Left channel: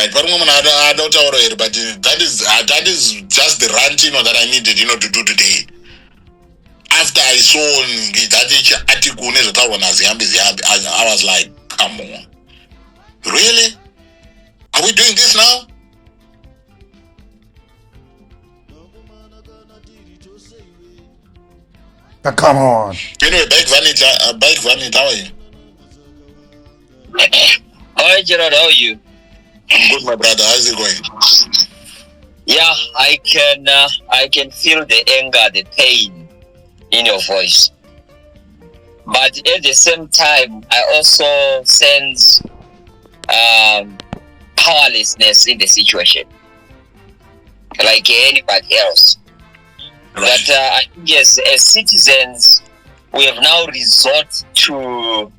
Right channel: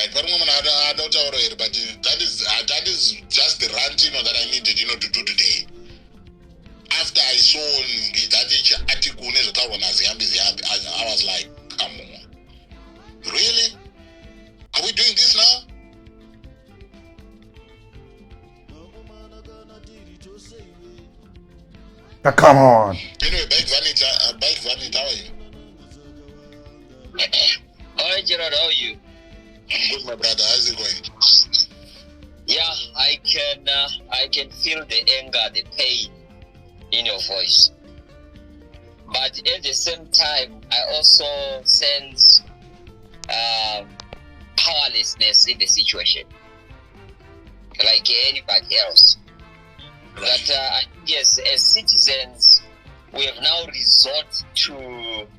Right, but that is just the rant, that I needed, to do today. After I saw that article, I was like, come on, really? Are we doing this now? Come on. Anyway, Bike Vanity, how are you? Hi Gerard, how are you? I'm good, my brother. How's it going? Yeah, I can feel the anger, the pain in your voice. But at the same time, I also sense powerlessness in the situation, like anybody else. Right. But I think as citizens, we have now resort to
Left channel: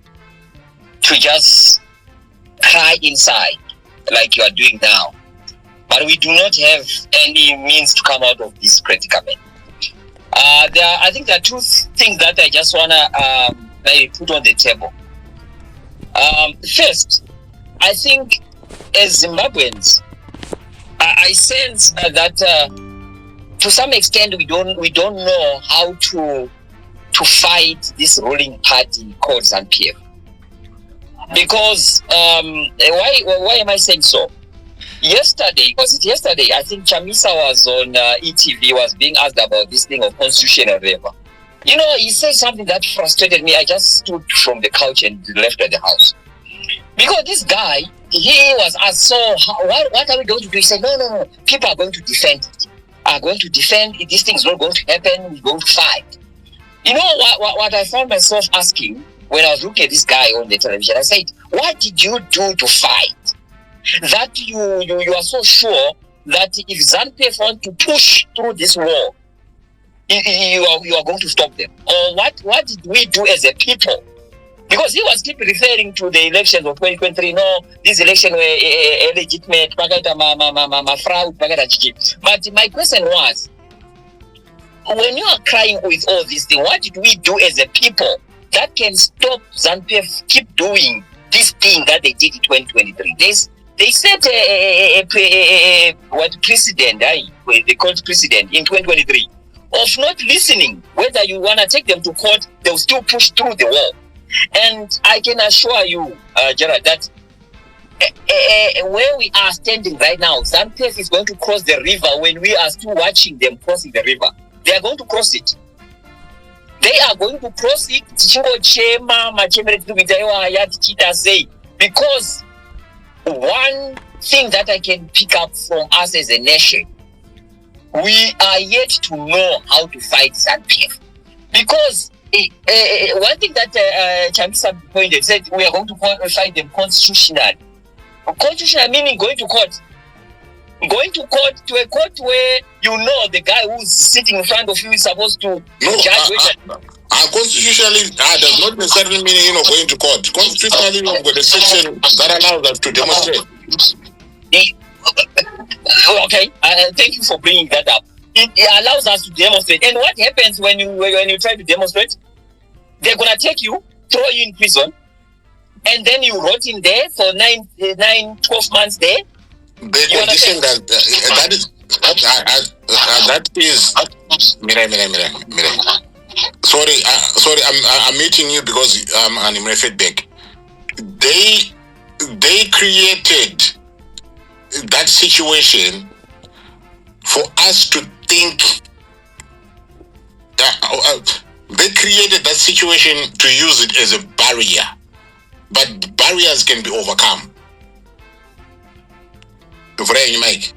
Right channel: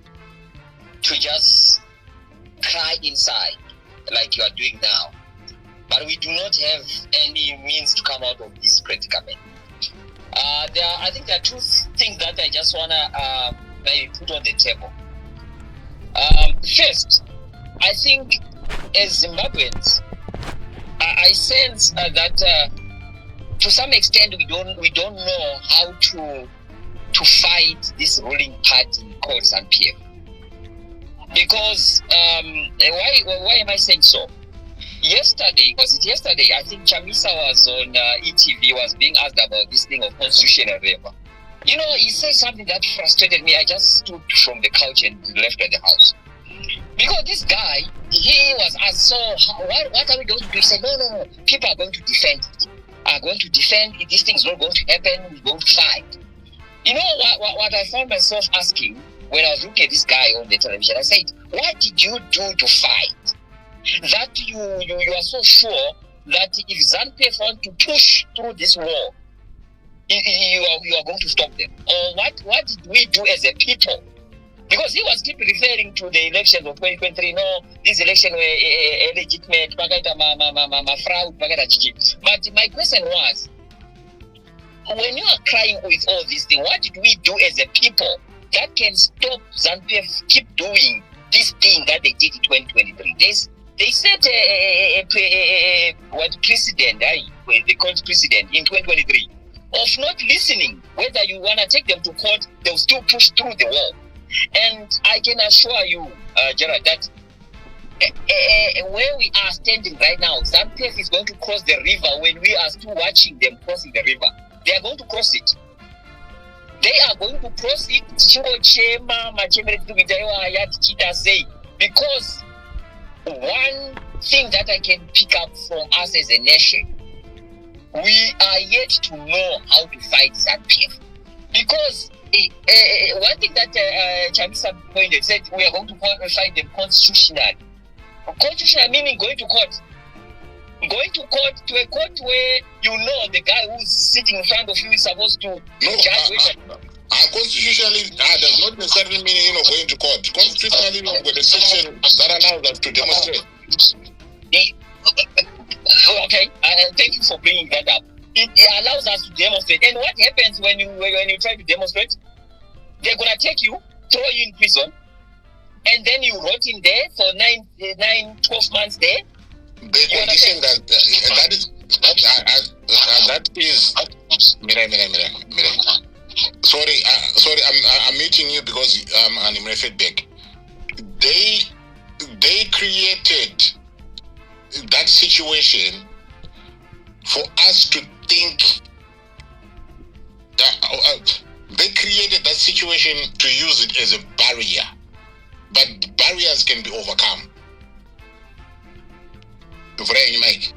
just cry inside, like you are doing now. But we do not have any means to come out of this predicament. I think there are two things that I just want to put on the table. First, I think as Zimbabweans, I sense that to some extent we don't know how to fight this ruling party called ZANU PF. Because why am I saying so? Yesterday, I think Chamisa was on ETV, was being asked about this thing of constitutional waiver. He said something that frustrated me. I just stood from the couch and left at the house. Because this guy, he was asked, so what are we going to do? He said, no, people are going to defend it. This thing's not going to happen, we're going to fight. You know what I found myself asking when I was looking at this guy on the television? I said, what did you do to fight? That you are so sure that if ZANU PF want to push through this war, you are going to stop them? Or what did we do as a people? Because he was keep referring to the elections of 2023. No, this election were illegitimate, fraud. But my question was, when you are crying with all these things, what did we do as a people that can stop ZANU PF keep doing this thing that they did in 2023? They set a precedent, they called precedent in 2023 of not listening. Whether you want to take them to court, they'll still push through the wall. And I can assure you, Gerard, that where we are standing right now, ZANU PF is going to cross the river. When we are still watching them crossing the river, they are going to cross it. Because one thing that I can pick up from us as a nation, we are yet to know how to fight ZANU PF. Because one thing that Chamisa pointed, said we are going to fight them constitutional. Constitutional meaning going to court. Going to court, to a court where the guy who's sitting in front of you is supposed to judge whether. Constitutionally, does not necessarily mean going to court. Constitutionally, we've got a section that allows us to demonstrate. Okay, thank you for bringing that up. It allows us to demonstrate. And what happens when you try to demonstrate? They're gonna take you, throw you in prison, and then you rot in there for 12 months there. The condition that is Mire. Sorry, I'm meeting you because I'm in my feedback. They created that situation for us to think. They created that situation to use it as a barrier, but barriers can be overcome. Mike.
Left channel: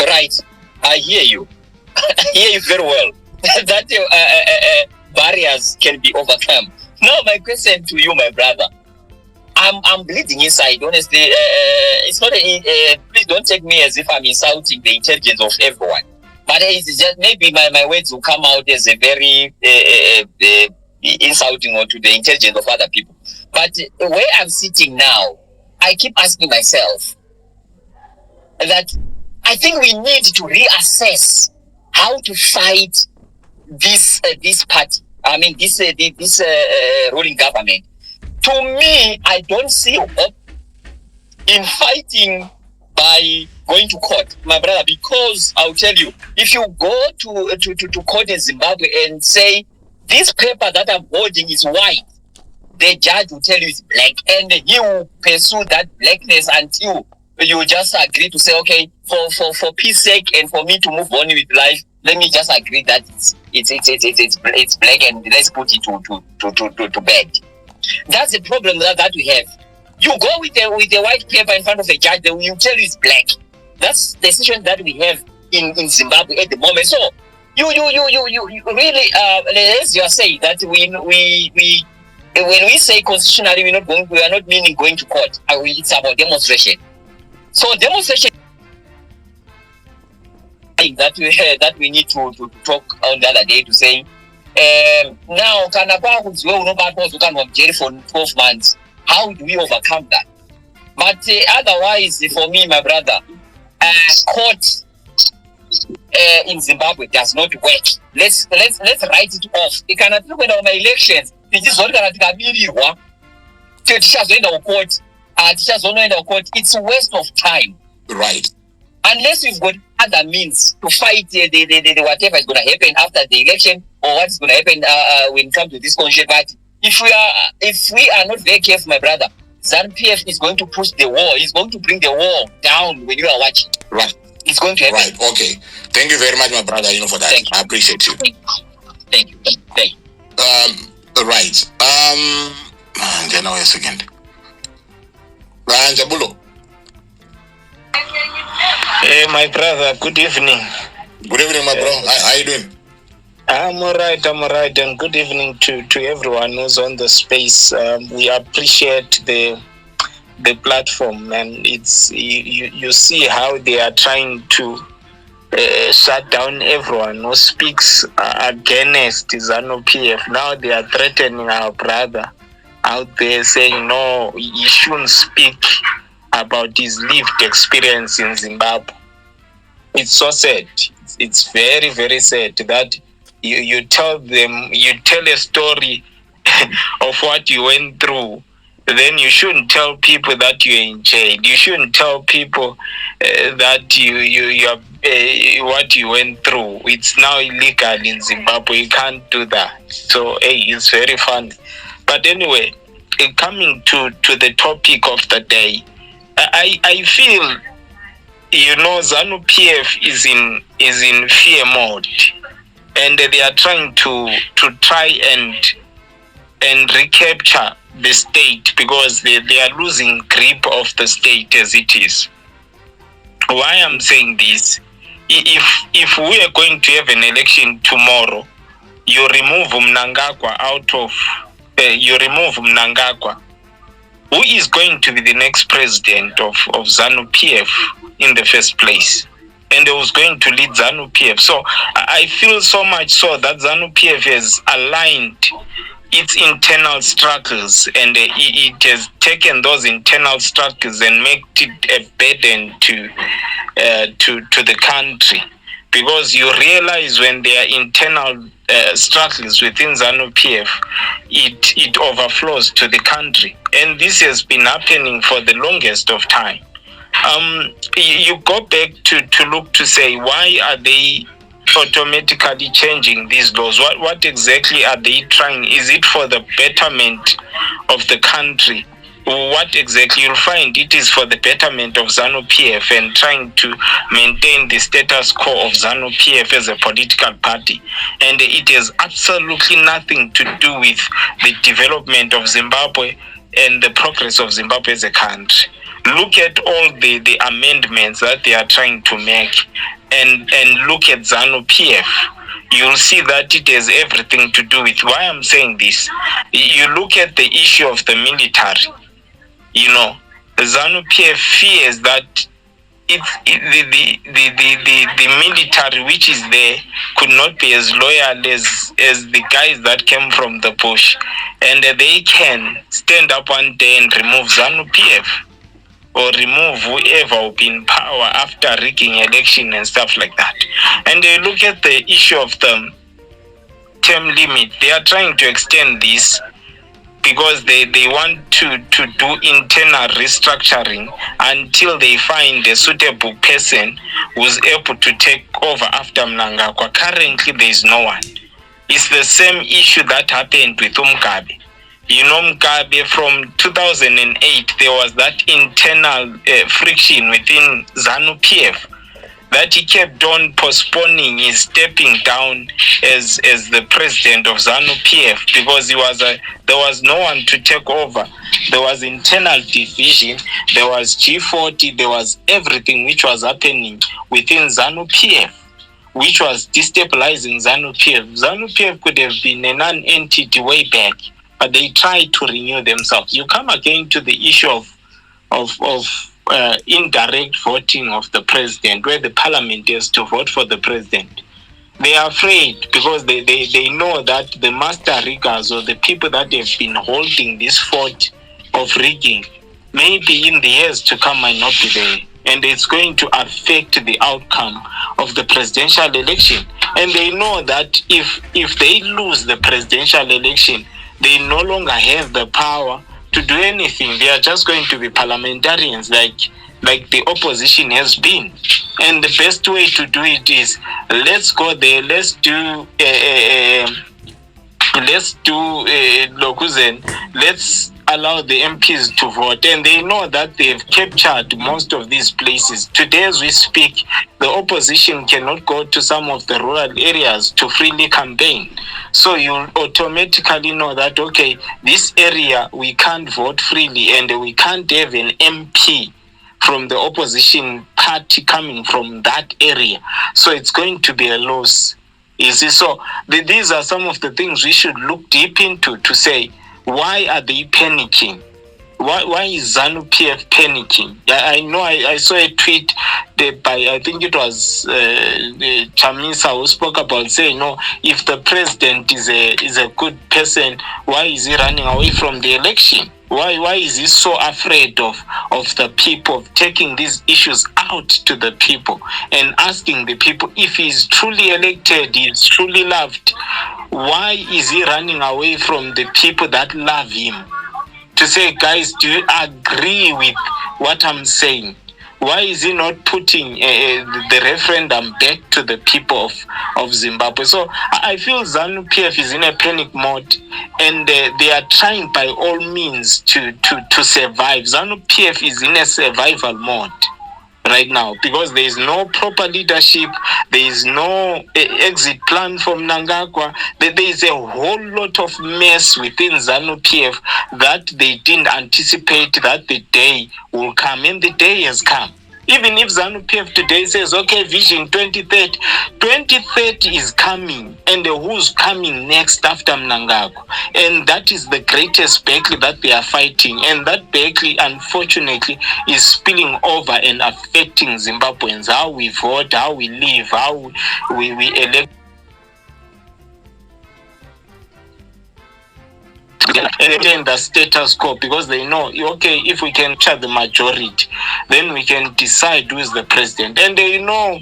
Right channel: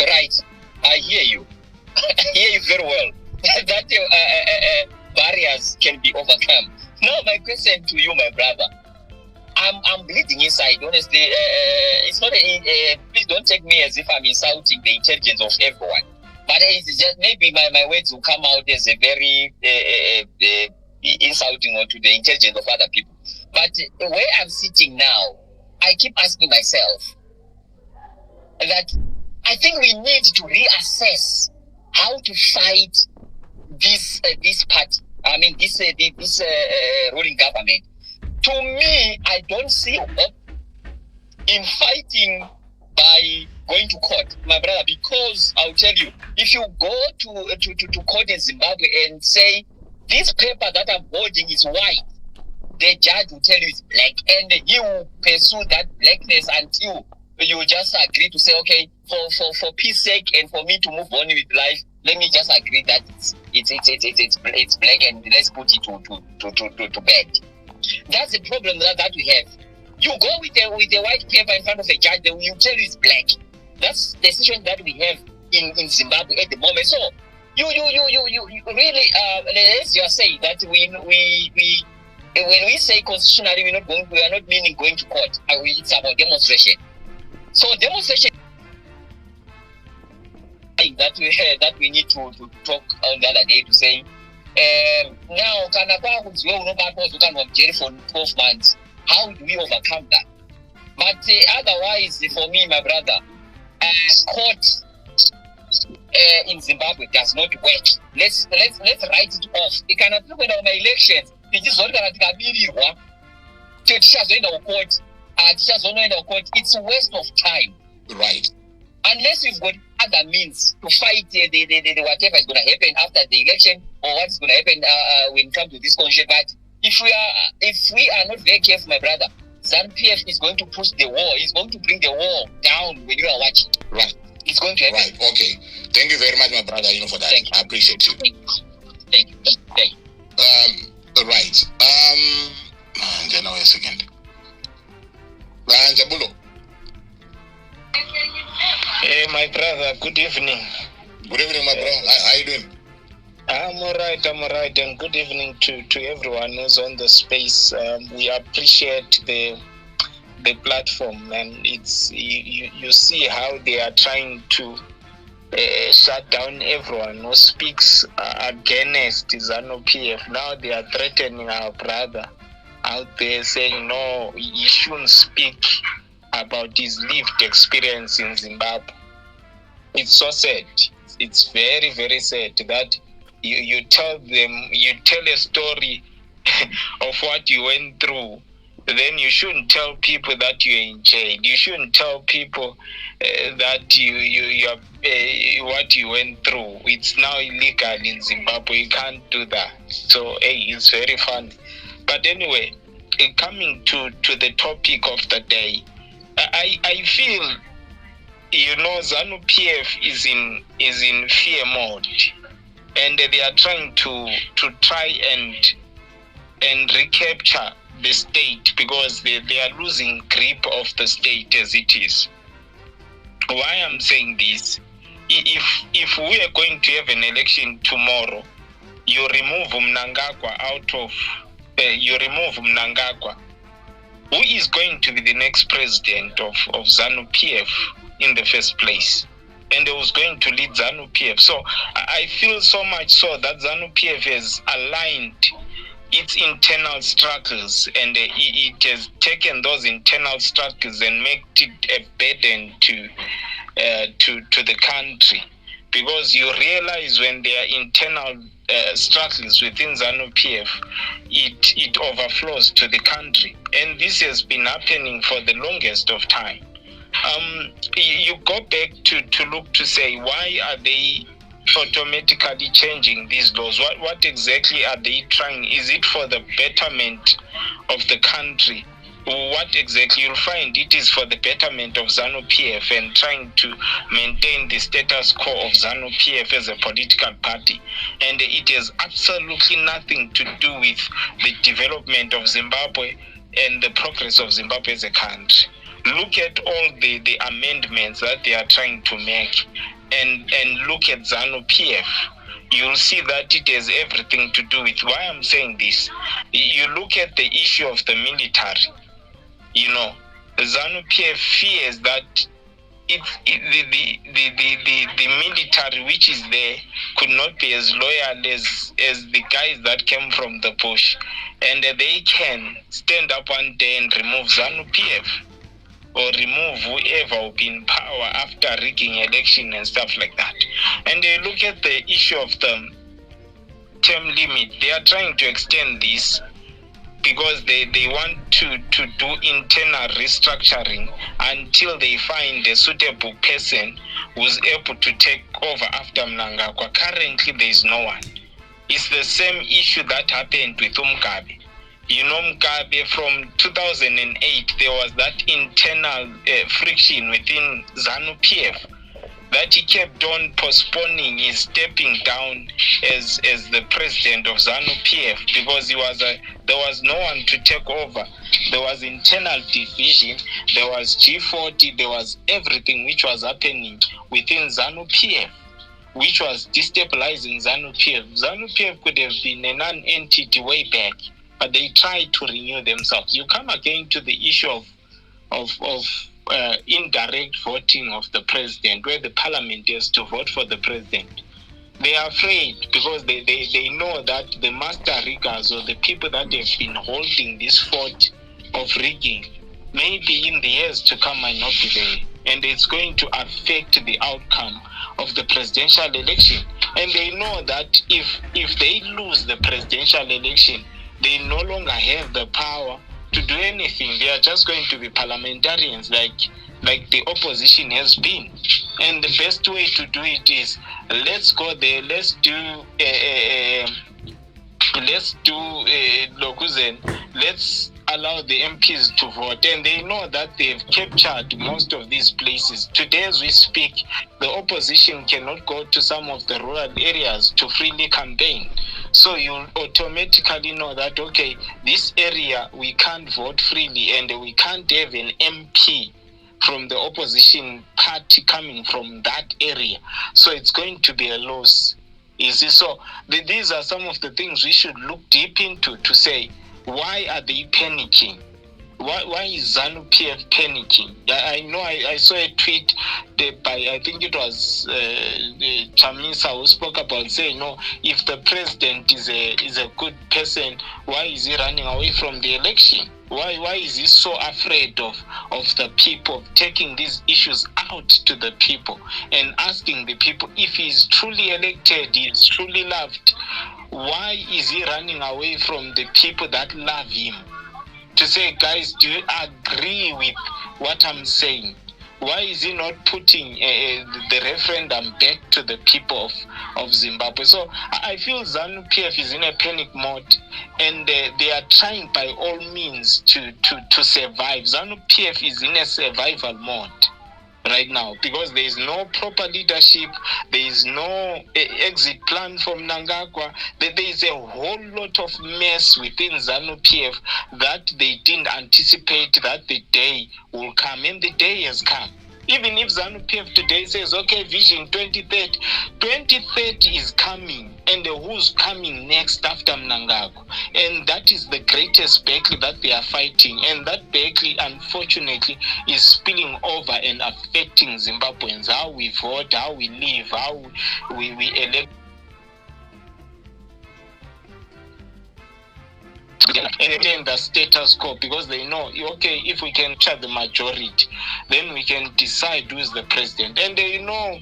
Right, I hear you. I hear you very well. That barriers can be overcome. Now, my question to you, my brother. I'm bleeding inside. Honestly, it's not. Please don't take me as if I'm insulting the intelligence of everyone. But it's just maybe my words will come out as a very insulting or to the intelligence of other people. But where I'm sitting now, I keep asking myself that I think we need to reassess how to fight this party. I mean, this ruling government. To me, I don't see hope. in fighting by going to court, my brother, because I'll tell you, if you go to court in Zimbabwe and say, this paper that I'm holding is white, the judge will tell you it's black, and he will pursue that blackness until you just agree to say, okay, for peace sake and for me to move on with life, let me just agree that it's black and let's put it to bed. That's the problem that we have. You go with a white paper in front of a judge, they will tell you it's black. That's the situation that we have in Zimbabwe at the moment. So you really, as you are saying, that we when we say constitutionally, we are not meaning going to court. It's about demonstration. So demonstration that we need to talk on the other day to say, now jail for 12 months. How do we overcome that? But otherwise, for me, my brother, court in Zimbabwe does not work. Let's write it off. You cannot look at my elections. It is not going to be court. It's a waste of time. Right. Unless we've got other means to fight the whatever is going to happen after the election, or what is going to happen when it comes to this constitution party. If we are not very careful, my brother, ZANU PF is going to push the war. It's going to bring the war down when you are watching. Right. It's going to happen. Right. Okay. Thank you very much, my brother. For that. I appreciate you. Thank you. Right. Then wait a second. Jabulo. Hey, my brother. Good evening. Good evening, my bro. How are you doing? I'm all right, and good evening to everyone who's on the space. We appreciate the platform, and it's you see how they are trying to shut down everyone who speaks against ZANU PF. Now they are threatening our brother out there, saying no, he shouldn't speak about his lived experience in Zimbabwe. It's so sad. It's very, very sad that you tell a story of what you went through. Then you shouldn't tell people that you're in jail. You shouldn't tell people that you are what you went through. It's now illegal in Zimbabwe. You can't do that. So it's very funny. But anyway, coming to the topic of the day, I feel ZANU PF is in fear mode. And they are trying to try and recapture the state, because they are losing grip of the state as it is. Why I'm saying this, if we are going to have an election tomorrow, you remove Mnangagwa who is going to be the next president of ZANU PF in the first place? And they was going to lead ZANU PF. So I feel so much so that ZANU PF has aligned its internal struggles, and it has taken those internal struggles and made it a burden to the country. Because you realize when there are internal struggles within ZANU PF, it overflows to the country. And this has been happening for the longest of time. You go back to look to say, why are they automatically changing these laws? What exactly are they trying? Is it for the betterment of the country? What exactly? You'll find it is for the betterment of ZANU PF and trying to maintain the status quo of ZANU PF as a political party. And it has absolutely nothing to do with the development of Zimbabwe and the progress of Zimbabwe as a country. Look at all the amendments that they are trying to make, and look at ZANU PF. You'll see that it has everything to do with why I'm saying this. You look at the issue of the military. The ZANU PF fears that the military which is there could not be as loyal as the guys that came from the bush, and they can stand up one day and remove ZANU PF. Or remove whoever will be in power after rigging election and stuff like that. And they look at the issue of the term limit. They are trying to extend this because they want to do internal restructuring until they find a suitable person who's able to take over after Mnangagwa. Currently, there is no one. It's the same issue that happened with Mugabe. You know, Mugabe, from 2008, there was that internal friction within ZANU PF that he kept on postponing his stepping down as the president of ZANU PF, because there was no one to take over. There was internal division, there was G40, there was everything which was happening within ZANU PF, which was destabilizing ZANU PF. ZANU PF could have been a non-entity way back, but they tried to renew themselves. You come again to the issue of indirect voting of the president, where the parliament has to vote for the president. They are afraid because they know that the master riggers, or the people that have been holding this fort of rigging, maybe in the years to come might not be there, and it's going to affect the outcome of the presidential election. And they know that if they lose the presidential election, they no longer have the power to do anything. They are just going to be parliamentarians like the opposition has been. And the best way to do it is, let's go there, let's allow the MPs to vote. And they know that they've captured most of these places. Today as we speak, the opposition cannot go to some of the rural areas to freely campaign. So you automatically know that, okay, this area we can't vote freely, and we can't have an MP from the opposition party coming from that area. So it's going to be a loss. You see, so these are some of the things we should look deep into to say, why are they panicking? Why is ZANU PF panicking? I know I saw a tweet by, I think it was Chamisa, who spoke about saying, no, if the president is a good person, why is he running away from the election? Why is he so afraid of the people, taking these issues out to the people and asking the people if he's truly elected, he's truly loved? Why is he running away from the people that love him? To say, guys, do you agree with what I'm saying? Why is he not putting the referendum back to the people of Zimbabwe? So I feel ZANU PF is in a panic mode, and they are trying by all means to survive. ZANU PF is in a survival mode right now, because there is no proper leadership, there is no exit plan from Mnangagwa. There is a whole lot of mess within ZANU PF that they didn't anticipate that the day will come, and the day has come. Even if ZANU PF today says, okay, Vision 2030, 2030 is coming, and who's coming next after Mnangagwa? And that is the greatest battle that they are fighting, and that battle, unfortunately, is spilling over and affecting Zimbabweans, how we vote, how we live, how we elect. And the status quo, because they know, okay, if we can capture the majority, then we can decide who is the president. And they know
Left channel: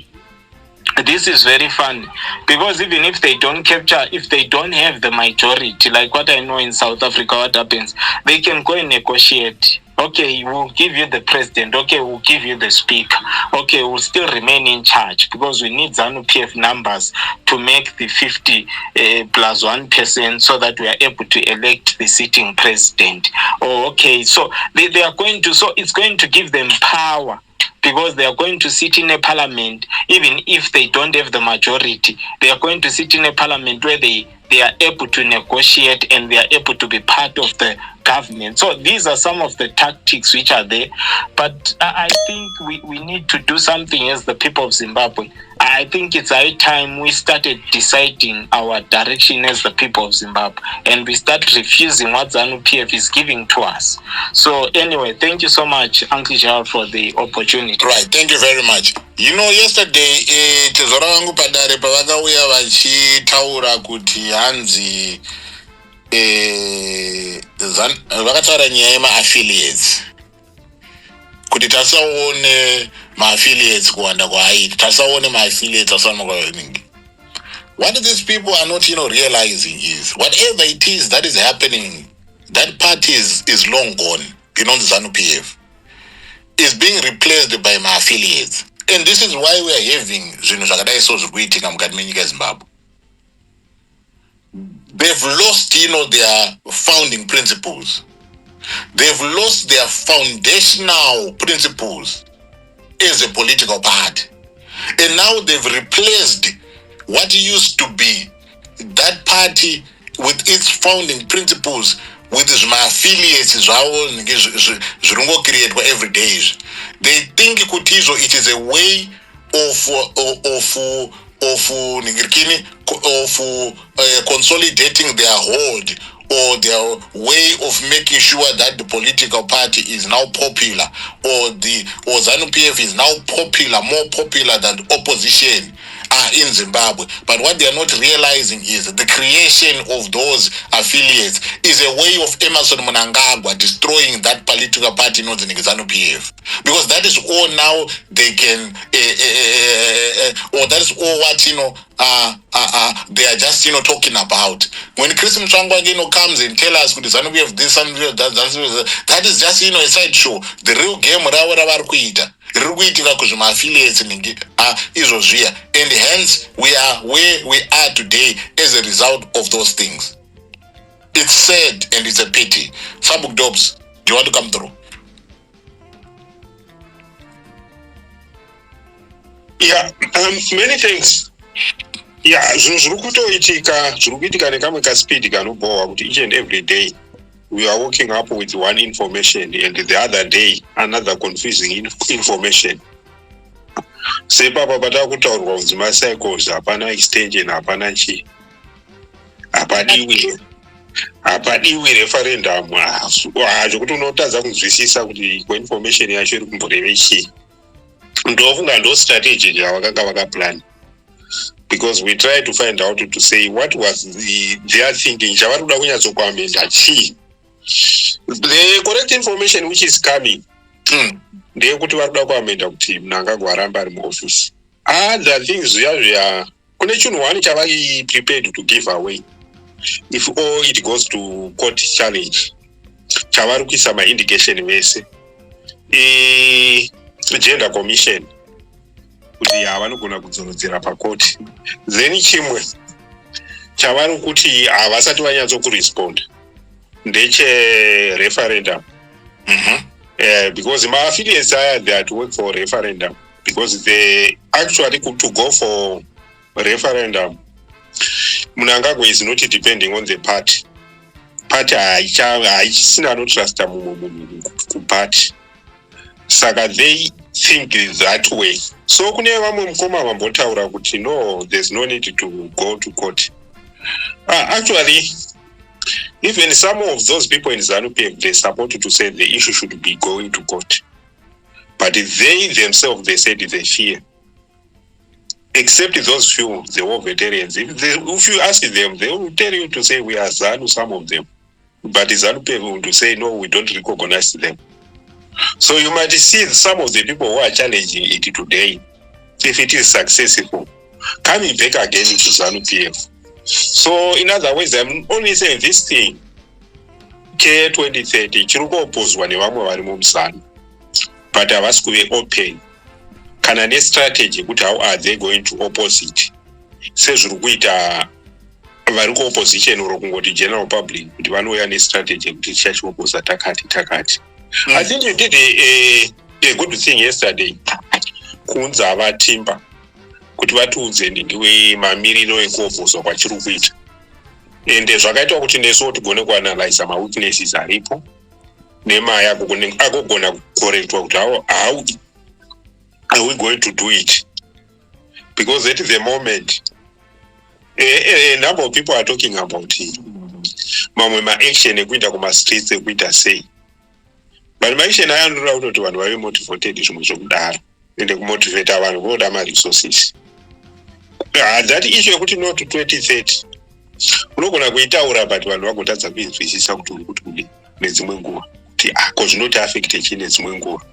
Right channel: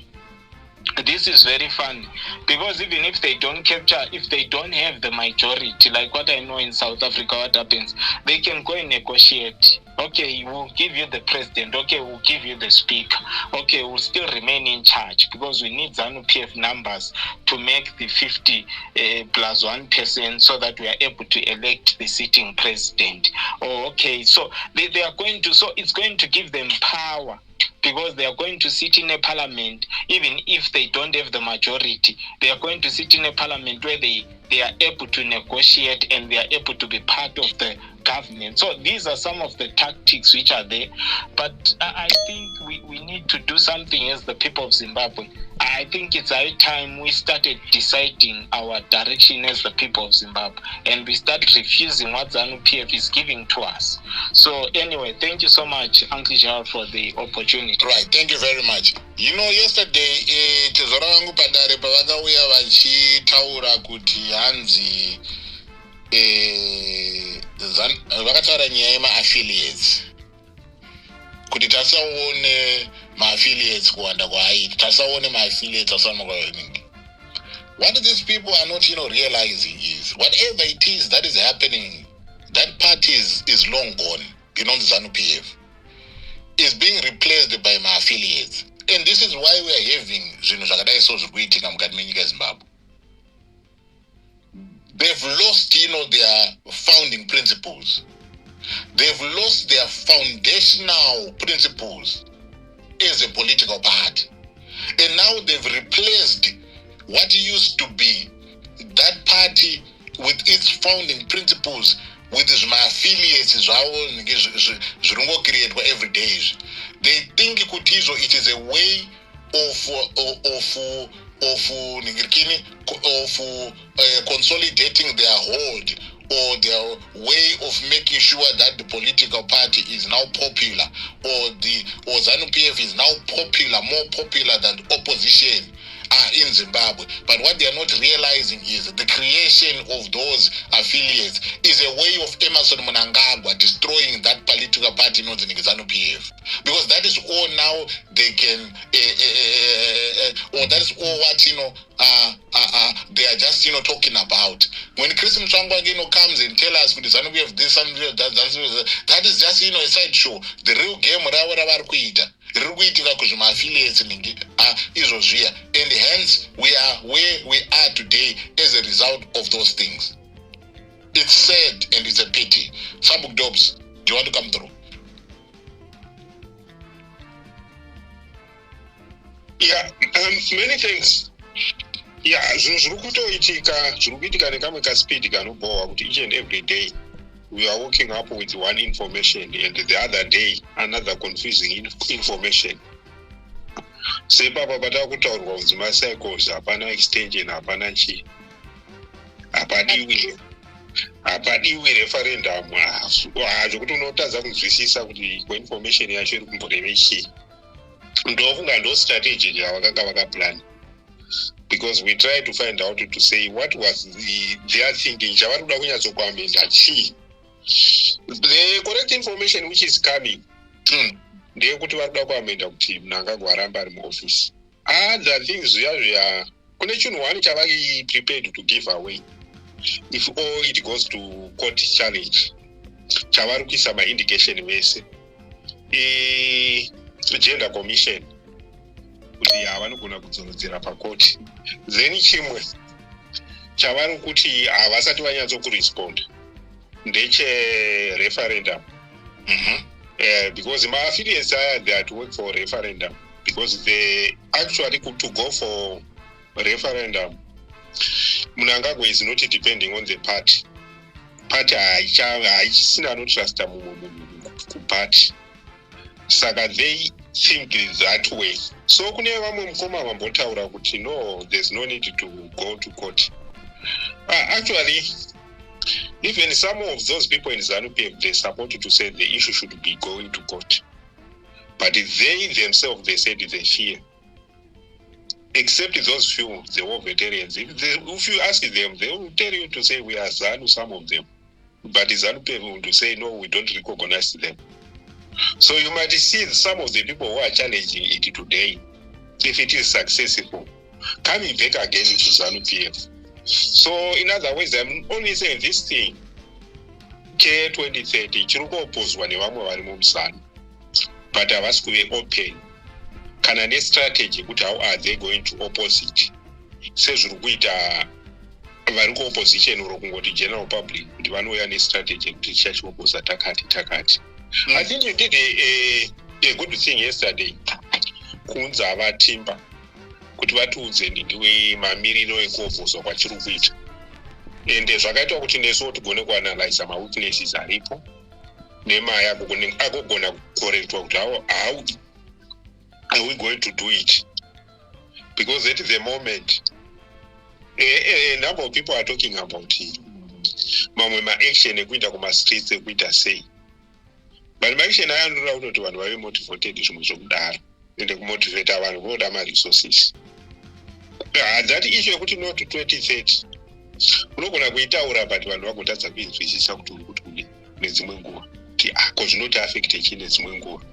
this is very funny, because even if they don't capture, if they don't have the majority, like what I know in South Africa, what happens, they can go and negotiate. Okay, we'll give you the president. Okay, we'll give you the speaker. Okay, we'll still remain in charge, because we need ZANU PF numbers to make the 50 plus 1%, so that we are able to elect the sitting president. Oh, okay, so they are going to, so it's going to give them power, because they are going to sit in a parliament. Even if they don't have the majority, they are going to sit in a parliament where they are able to negotiate, and they are able to be part of the government. So these are some of the tactics which are there. But I think we need to do something as the people of Zimbabwe. I think it's high time we started deciding our direction as the people of Zimbabwe, and we start refusing what ZANU PF is giving to us. So anyway, thank you so much, Uncle Gerald, for the opportunity. Right, thank you very much. You know, yesterday, tezora wangu padare pavakauya vachitaura kuti hanzi vakataura nyaya yema-affiliates, kuti tasaone ma-affiliates kuwanda kwaaita, tasaone ma-affiliates asana kwavaningi. What these people are not, realizing is, whatever it is that is happening that party is long gone, the ZANU PF. Is being replaced by my affiliates. And this is why we are having Zimbabwe. They've lost, their founding principles. They've lost their foundational principles as a political party. And now they've replaced what used to be that party with its founding principles with my affiliates create every day. They think it is a way of consolidating their hold, or their way of making sure that the political party is now popular, or ZANU PF is now popular, more popular than the opposition in Zimbabwe. But what they are not realizing is the creation of those affiliates is a way of Emerson Mnangagwa destroying that political party known as ZANU PF. Because that is all now they can, or that is all what, they are just, talking about. When Chris Mchangwa, comes and tell us, ZANU PF this, that is just, a sideshow. The real game, affiliates and hence we are where we are today as a result of those things. It's sad and it's a pity. Sabuk Dobbs, do you want to come through? Yeah, many things. Yeah, zvirukuitika nekamwe kaspeed kanobowa kuti each and every day we are waking up with one information and the other day another confusing information. Sepapa pata kutaurwa kunzi macycles hapana extension hapana chi. Hapadiwi referendum. Zvokuti unotadza kunzwisisa kuti information yacho iri kumboreve chii. Ndofunga ndo strategy yavakanga vakaplan. Because we try to find out to say what was their thinking. Chavari kuda kunyatsokuamenda chii. The correct information which is coming ndeyekuti vari kuda kuamenda kuti Mnangagwa arambe ari muofisi. Other things kune chinhu one chavai prepared to give away if all it goes to court challenge. Chavari kuisa ma-indication vese gender commission kuti vanogona kudzorodzera pakoti. Then chimwe chavari kuti havasati vanyatsokurespond ndeche referendum. Because my affiliates are there to work for referendum, because they actually to go for referendum. Mnangagwa is not depending on the party. Party I no trust party. Saka they think that way. So kune vamwe mukoma vambotaura kuti no, there's no need to go to court. Actually, even some of those people in ZANU PF, they supported to say the issue should be going to court. But they themselves, they said they fear. Except those few, the war veterans. If you ask them, they will tell you to say we are ZANU, some of them. But the ZANU PF will say, no, we don't recognize them. So you might see some of the people who are challenging it today, if it is successful, coming back again into ZANU PF. So in other words, I'm only saying this thing, K2030, chiruko opposwa nevamwe vari mumusana, but havasi kuve open. Kana ne strategy kuti how are they going to opposite? Sezviri kuita vari ku-opposition uro kungoti general public kuti vanouya ne-strategy kuti tichachiopposa takati. I think you did a good thing yesterday kuunza vatimba kuti vatiudze ndiwe mamiriro ekuopposwa kwachiri kuita, ende zvakaitwa kuti nesuwo tigone kuanalyza ma-weaknesses aripo nemaya akugona kukorektwa kuti how are we going to do it, because at the moment a number of people are talking about mamwe ma-action ekuita kuma-streets ekuita sei, but ma-action aya anoda kutoti vanhu vave motivated zvimwe zvokudaro ende kumotivata vanhu voda ma-resources. That issue yekuti no to 2030 unogona kuitaura but vanhu vagotadza kuinzwisisa kuti uri kuti kudi nedzimwe nguva kuti ko zvinoti affect chii nedzimwe nguva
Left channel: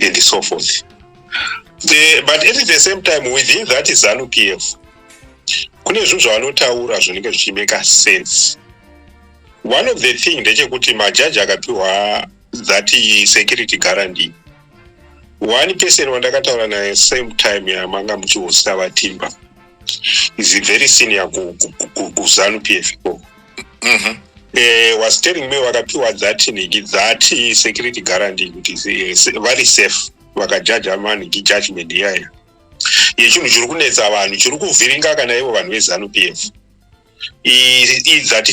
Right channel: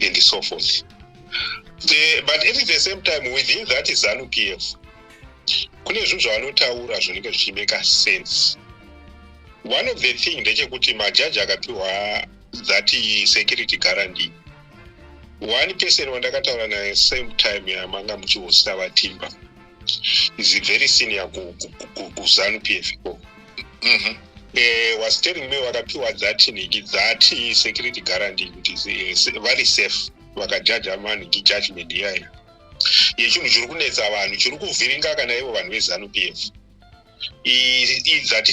and so forth. But at the same time within that ZANU PF kune zvinhu zvavanotaura zvinenge zvichimeka sense One of the thing ndechekuti majaji akapiwa that security guarantee. One person wandakataura naye same time yamanga muchihosta vatimba is very senior ZANU PF. Was telling me wakapiwa that security guarantee kuti very safe vakajaja maniki judgment yaya yechinhu chiri kunetsa vanhu chiri kuvhiringa kana ivo vanhu veZANU PF that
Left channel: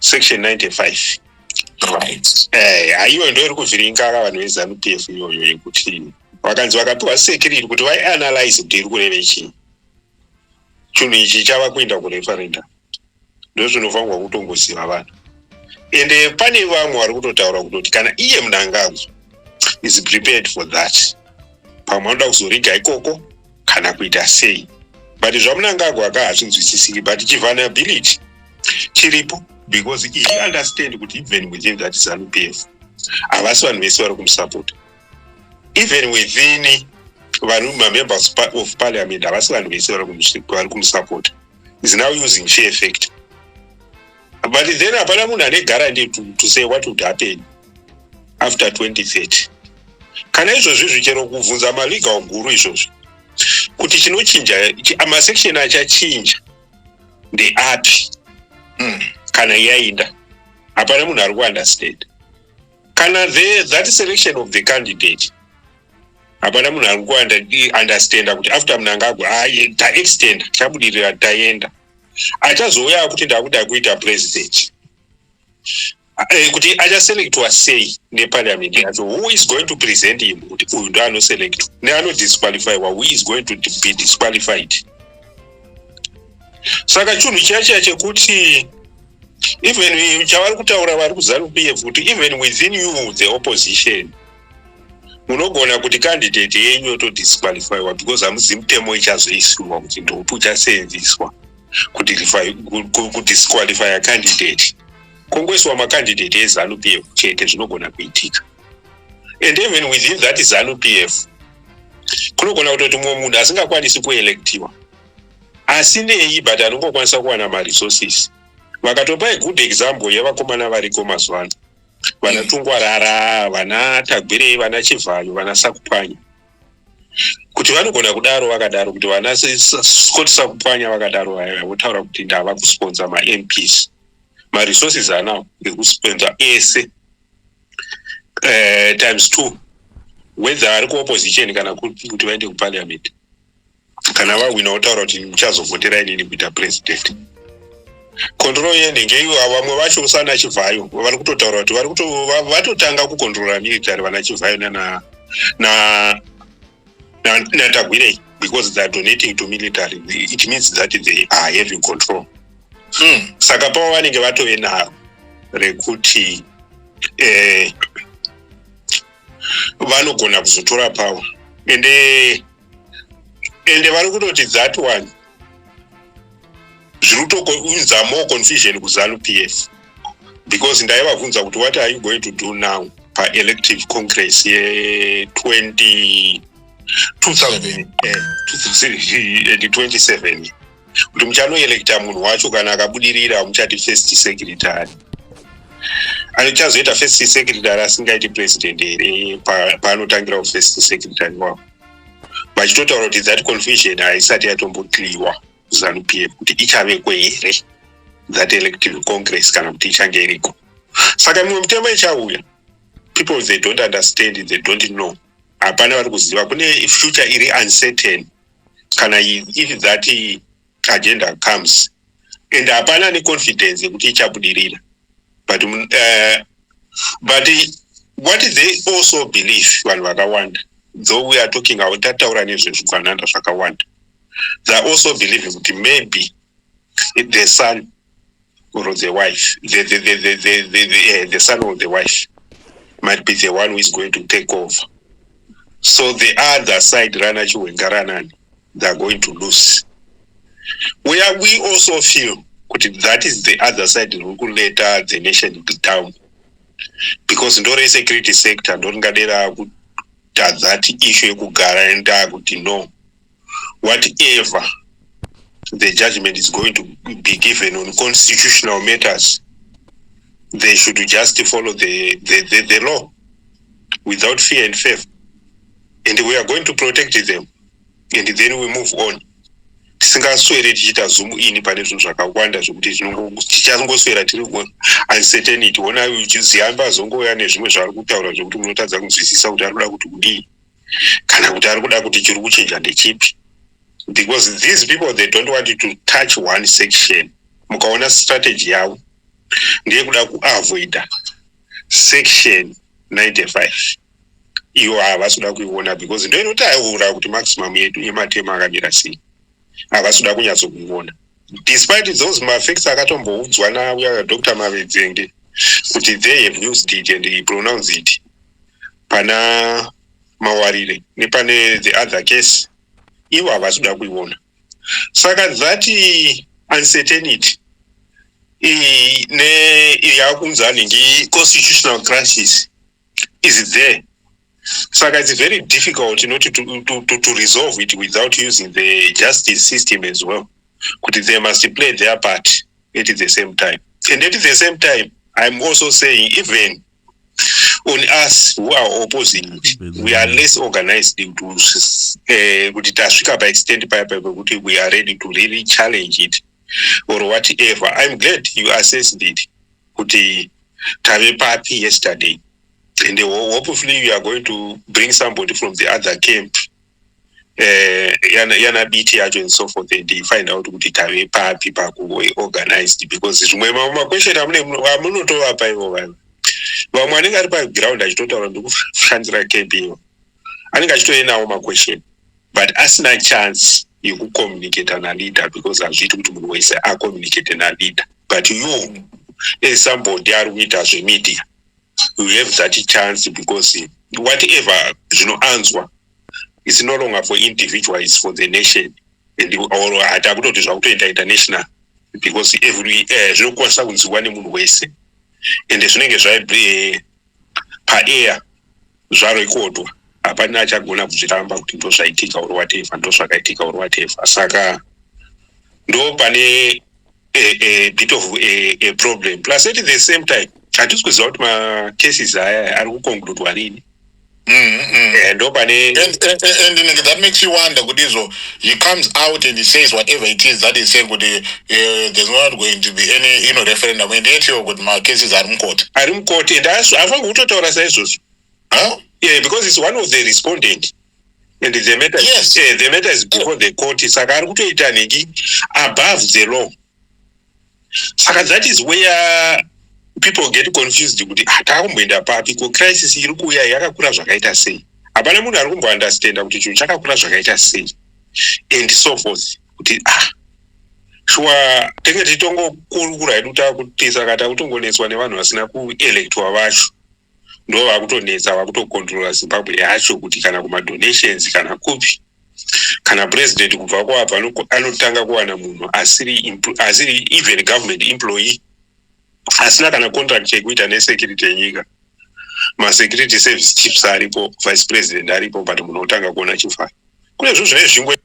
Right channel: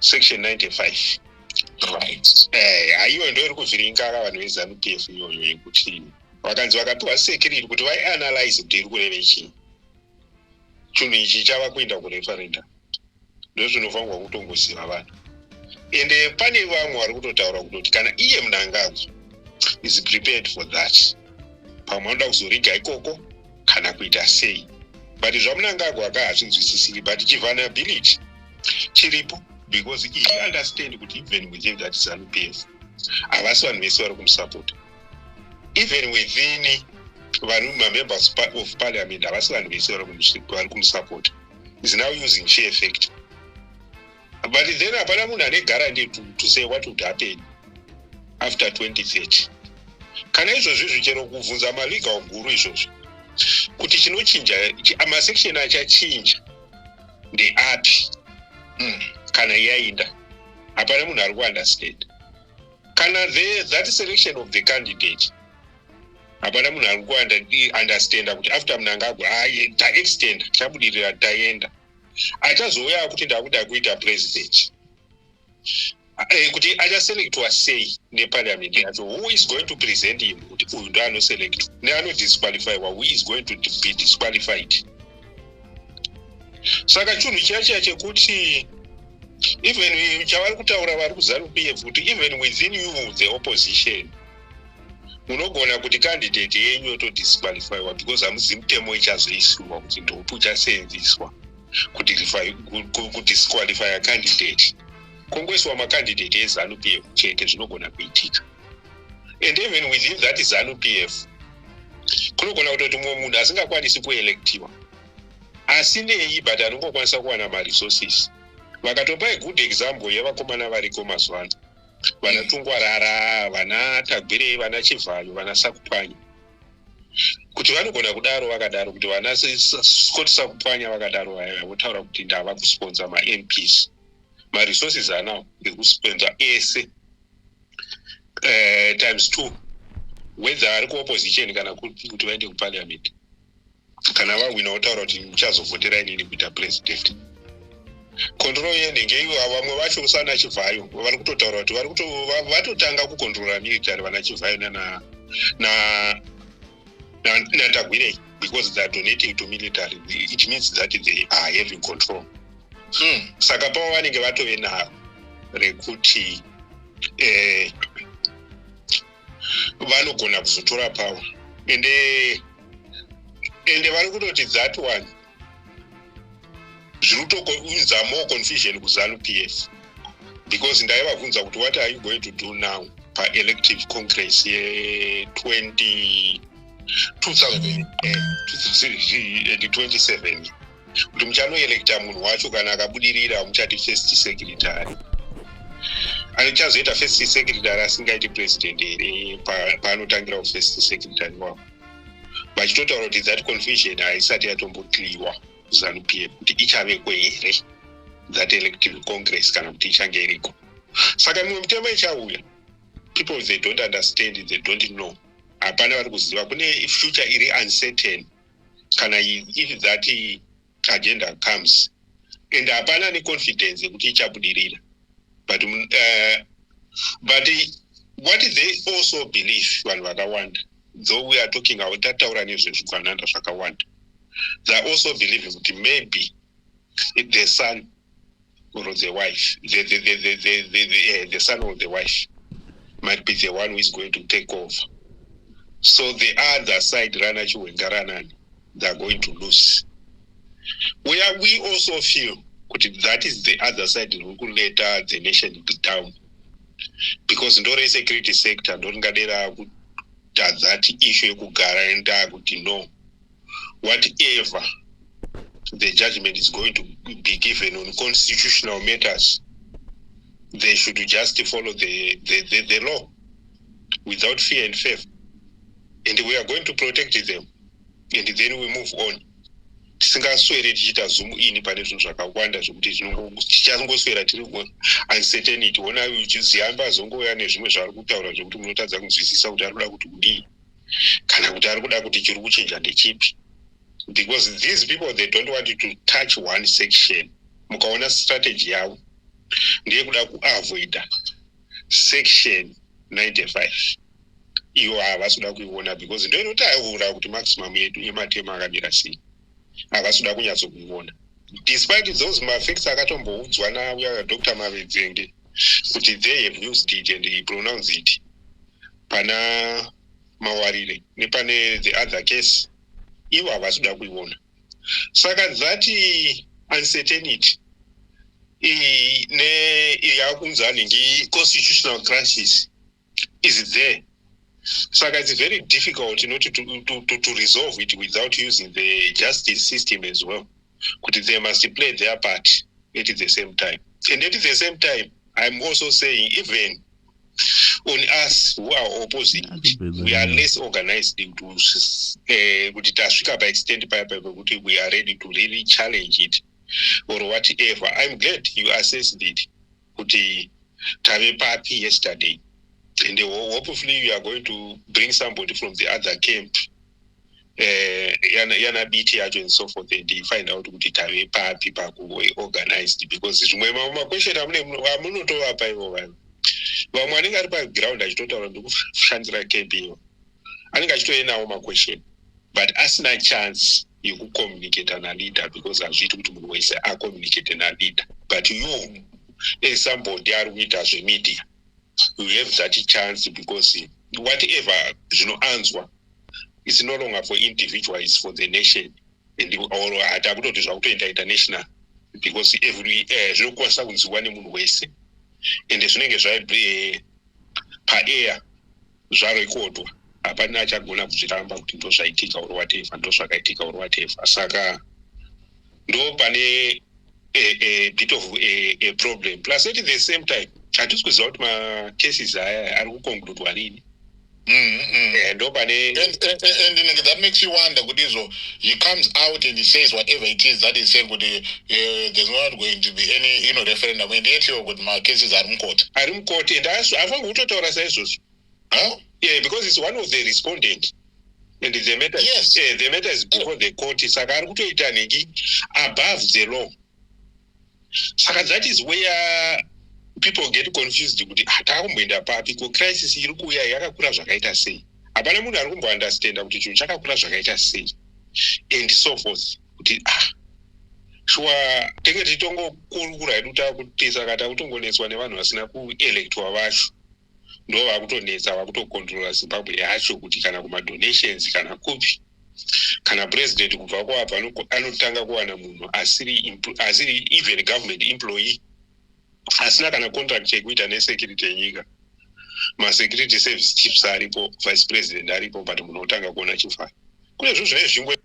section 95. Right. Haiyo ndo iri kuvhiringa vanhu veZANU PF iyoyo yekuti vakanzi vakapiwa security kuti vaianalyze kuti iri kureve chii. Chinhu ichi chava kuenda kureferendum. Ndo zvinofanirwa kutongoziva vanhu. Ende pane vamwe vari kutotaura kuti kana iye Mnangagwa is prepared for that. Pamwe anoda kuzoriga ikoko kana kuita sei. But zvaMnangagwa akahazvinzwisisiki, but chivulnerability chiripo because he understand kuti even within that ZANU PF havasi vanhu vese vari kumusupport. Even within vanhu members of parliament havasi vanhu vese vari kumusupport. Is now using sheer effect. But then hapana munhu ane guarantee to say what would happen after 2030. Kana izvozvi zvichero kuvhunza malegal guru izvozvi kuti chinochinja amasection achachinja ndeapi kana yaenda hapana munhu ari kuunderstand. Kana that selection of the candidate hapana munhu ari kuunderstanda kuti after Mnangagwa taextend chabudirira taenda achazouya kuti ndakuda kuita president kuti achaselectwa sei neparliament yacho. Who is going to present him kuti uyu ndo anoselectwa neanodisqualifywa, who is going to be disqualified. Saka chinhu chacho chekuti even chavari kutaura vari kuZANU PF kuti even within you the opposition munogona kuti candidate yenyu yotodisqualifywa because hamuzi mutemo ichazoisirwa kuti ndopi uchaseenzeswa kudisqualify a candidate. Kongoiswa macandidate eZANU PF chete zvinogona kuitika. And even within that ZANU PF kunogona kutoti mumwe munhu asingakwanisi kuelectiwa asinei but anongokwanisa kuwana maresources. Vakatopa good example yevakomana variko mazuva ano, vana Tungwarara, vana Tagwirei, vana Chivhayo, vana Sakupwanya, kuti vanogona kudaro vakadaro kuti vana Scott Sakupwanya vakadaro votaura kuti ndava kusponsor ma-MPs. Ma-resources anawo ekusponsor ese times 2 whether ari kuopposition kana kuti vaende kuparliament kana vawina votaura kuti muchazovhotera inini kuita president. Control yenenge iwo vamwe vacho usana Chivhayo vari kutotaura kuti vatotanga kucontrola military vana Chivhayo na Tagwirei because they are donating to military. It means that they are having control. Saka pavo vanenge vatove naro rekuti vanogona kuzotora power. Ende vari kutoti that one zvirutokuunza more confusion kuZANU PF because ndaivabvunza kuti what are you going to do now pa-elective congress ye-2027 kuti muchanoelecta munhu wacho kana akabudirira muchati first secretary. Anichazoita first secretary asingaiti president here paanotangira first secretary wavo. Vachitotaura kuti that confusion haisati yatombokliwa ZANU PF kuti ichavekwe here that elective congress kana kuti ichange iriko. Saka mimwe mitemo ichauya, people they don't understand, they don't know. Hapana vari kuziva, kune future iri uncertain kana if that agenda comes, and hapana ne confidence yekuti ichabudirira. But what they also believe vanhu vakawanda, though we are talking about tataura nezvezvikwananda zvakawanda, they are also believing that maybe the son or the wife, the son or the wife might be the one who is going to take over. So the other side, Ranachi Wengaranani, they are going to lose. Where we also feel that is the other side who will later the nation down. Because ndore security sector, ndongadera that issue kugara and no. Whatever the judgment is going to be given on constitutional matters, they should just follow the law without fear and favor. And we are going to protect them. And then we move on. Tisingaswere tichita zoom in pane zvinhu zvakawanda zvokuti tichangoswera tiri uncertainty ona ziyamba azongoya nezvimwe zvaari kutaura zvokuti munotadza kunzwisisa kuti ari kuda kuti kudii kana kuti ari kuda kuti chiri kuchinja ndechipi. Because these people, they don't want you to touch one section. Mukaona strategy yavo ndiye kuda kuavoida section 95. Iwo havasuda kuiona because ndo inotaura kuti maximum yedu yematema akamira sei. Havasuda kunyatsokuiona. Despite those effects akatomboudzwa nauya Dr. Mavedzenge kuti they have used it and he pronounced it pana Mawarire nepane the other case. Iwo havasuda kuiona. Saka that uncertainty yakunzani ndi constitutional crisis is there. Saka it's very difficult not to resolve it without using the justice system as well. But they must play their part at the same time. And at the same time, I'm also saying even on us who are opposing it, we are less organized to by extent we are ready to really challenge it or whatever. I'm glad you assessed it. Tave Party yesterday. And hopefully you are going to bring somebody from the other camp, Yana BT and so forth, and they find out who the Party people who organized because it's my question. I'm not over. But when I got ground, I don't know Chandra KPO. I think I should know my question. But as a chance, you could communicate on a leader because I'm to say I communicate on a leader. But you, as somebody are with us in media. We have that chance because whatever answer is no longer for individuals, it's for the nation and or international because every one waste and the swing is right per air record apana chagona kuchiramba kuti ndosvaitika or whatever ndosvakaitika or whatever saka ndo pane a bit of a problem plus at the same time hatisi kuziva kuti macases aya ari kukonkludwa rini. And that makes you wonder, he comes out and he says whatever it is that he's saying, there's not going to be any referendum. And yet my cases are in court. And I think yeah, because it's one of the respondents. And the matter, yes. The matter is before the court. It's above the law. So that is where people get confused with the crisis irikuya yakakura zvakaita sei. Hapana munhu ari kumbounderstanda kuti chinhu chakakura zvakaita sei and so forth. Kuti shuwa tenge titongokurukura hedu takutisa kata kutongonetswa nevanhu vasina kuelektwa vacho. Ndo vakutonetsa vakutokontrola Zimbabwe yacho kuti kana kumadonations kana kupi. Kana president kubva kwabva anotanga kuwana munhu asiri even government employee. Asina kana contract yekuita nesecurity yenyika. Ma-security service chiefs aripo, vice president aripo, but munhu otanga kuona chifana. Kune zvinhu zvine zvingwe